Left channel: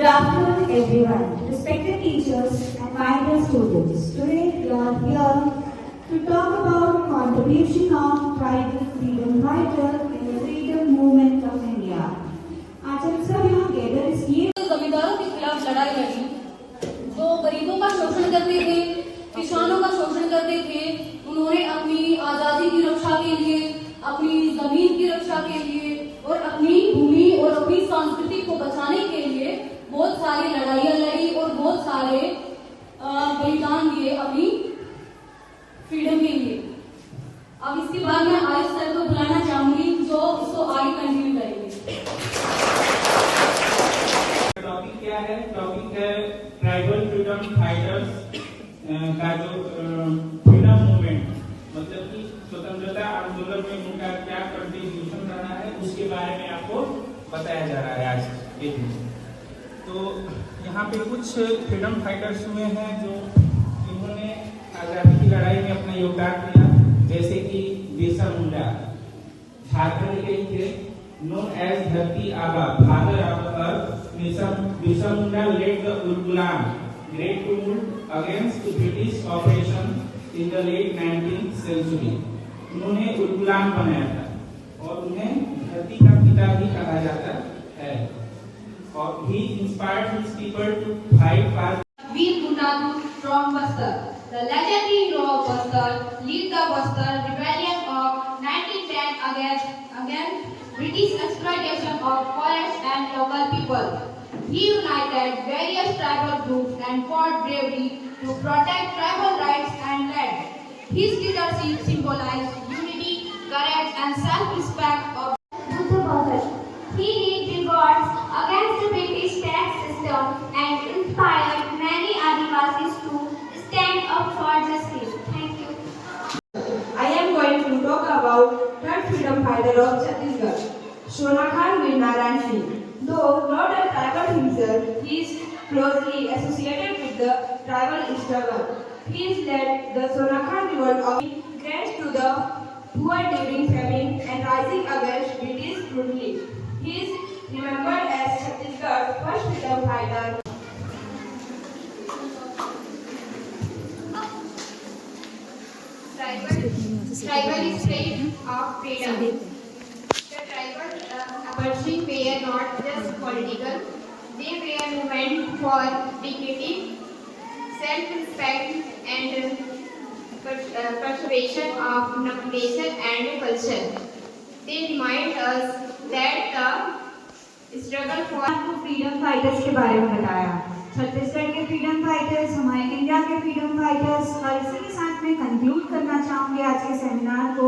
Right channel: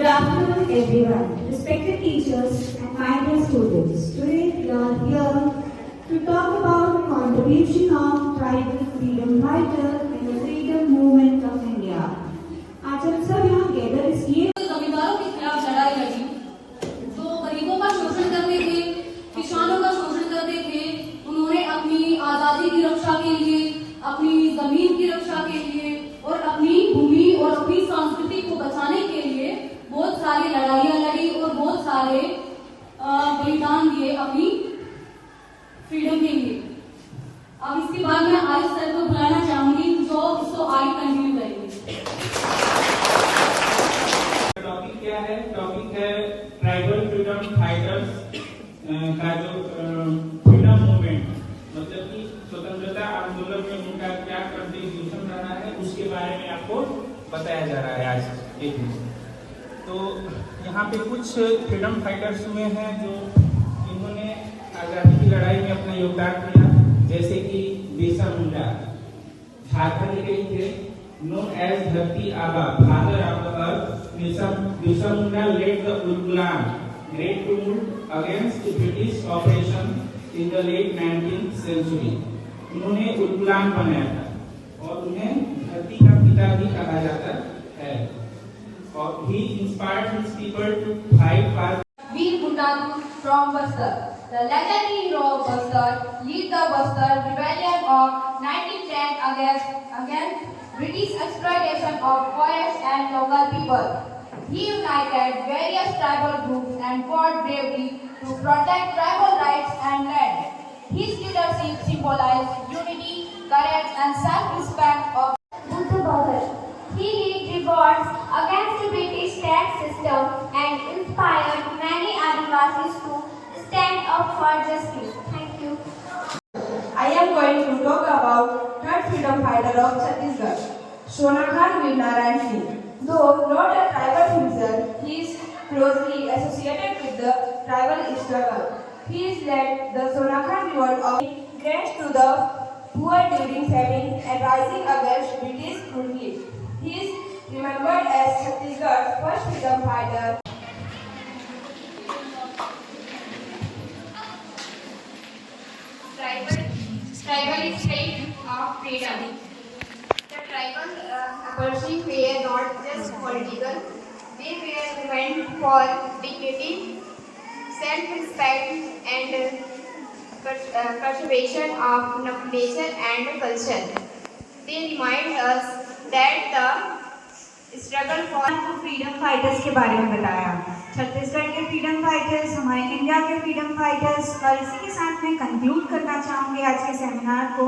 Good afternoon, everyone. Respected teachers and my dear students. Today we are here to talk about the contribution of tribal freedom fighters in the freedom movement of India. आज हम सब यहाँ gather इसलिए जमींदारों के खिलाफ लड़ाई लड़ी, जो गरीबों का शोषण करते थे, किसानों का शोषण करते थे। उन्होंने अपनी आजादी की रक्षा के लिए, अपनी जमीन की रक्षा के लिए और अपनी भूमि और अपनी संस्कृति को बचाने के लिए बहुत सारी लड़ाइयाँ लड़ी और बहुत सारे बलिदान दिए अपनी फ्रीडम के लिए। अब इसके बाद मैं आयुष सर को बुलाना चाहूंगी जो इसको आगे कंटिन्यू करेंगे। टॉपिक क्या है? टॉपिक है ट्राइबल फ्रीडम फाइटर्स का जो फ्रीडम मूवमेंट, मतलब कि स्वतंत्रता आंदोलन में उनका क्या कंट्रीब्यूशन रहा है उसके बारे में आपको बताया जा रहा है आज के दिन। तो यहाँ पे कुछ फ्रीडम फाइटर्स हुए हैं जो इन्होंने आजादी की लड़ाई में अपना योगदान दिया, जैसे कि बिरसा मुंडा झारखंड के थे, known as धरती आबा, father of the earth. Birsa Munda led the Ulgulan great tumult against British operation in the late 19th century. उन्होंने उल्गुलान बनाया था और उन्हें धरती का पिता भी कहा जाता है। और he inspired his people to fight for Veer Gundadu from Bastar. The legendary hero of Bastar led the Bastar rebellion of 1910 against British exploitation of forests and local people. He united various tribal groups and fought bravely to protect tribal rights and land. His leadership symbolized unity, courage, and self-respect of Buddha Bhagat. He led revolts against the British tax system and inspired many Adivasis to stand up for justice. Thank you. I am going to talk about third freedom fighter of Chhattisgarh, Sonakhan Veernarayan Singh. Though not a tribal himself, he is closely associated with the tribal struggle. He has led the Sonakhan revolt of grants to the poor during famine and rising against British brutality. He is remembered as Chhattisgarh's first freedom fighter. Tribal is state of freedom. The tribal pursuing were not just political, they were movement for dignity, self-respect and preservation of nation and culture. They remind us that the struggle for freedom fighters के बारे में बताया। छत्तीसगढ़ के freedom fighters, हमारे India के freedom fighters, और इसी के साथ मैं कंक्लूड करना चाहूंगी आज के सेमिनार को।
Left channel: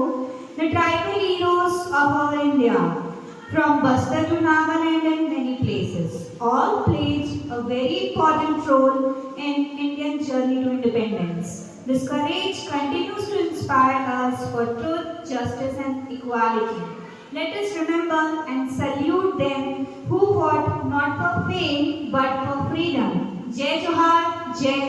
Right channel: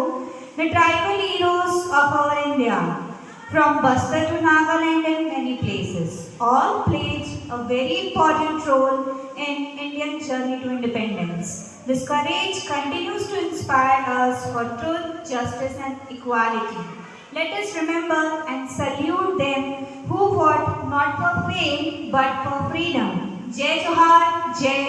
The tribal heroes of our India, from Bastar to Nagaland and many places, all played a very important role in Indian journey to independence. This courage continues to inspire us for truth, justice, and equality. Let us remember and salute them who fought not for fame but for freedom. Jai Johar, Jai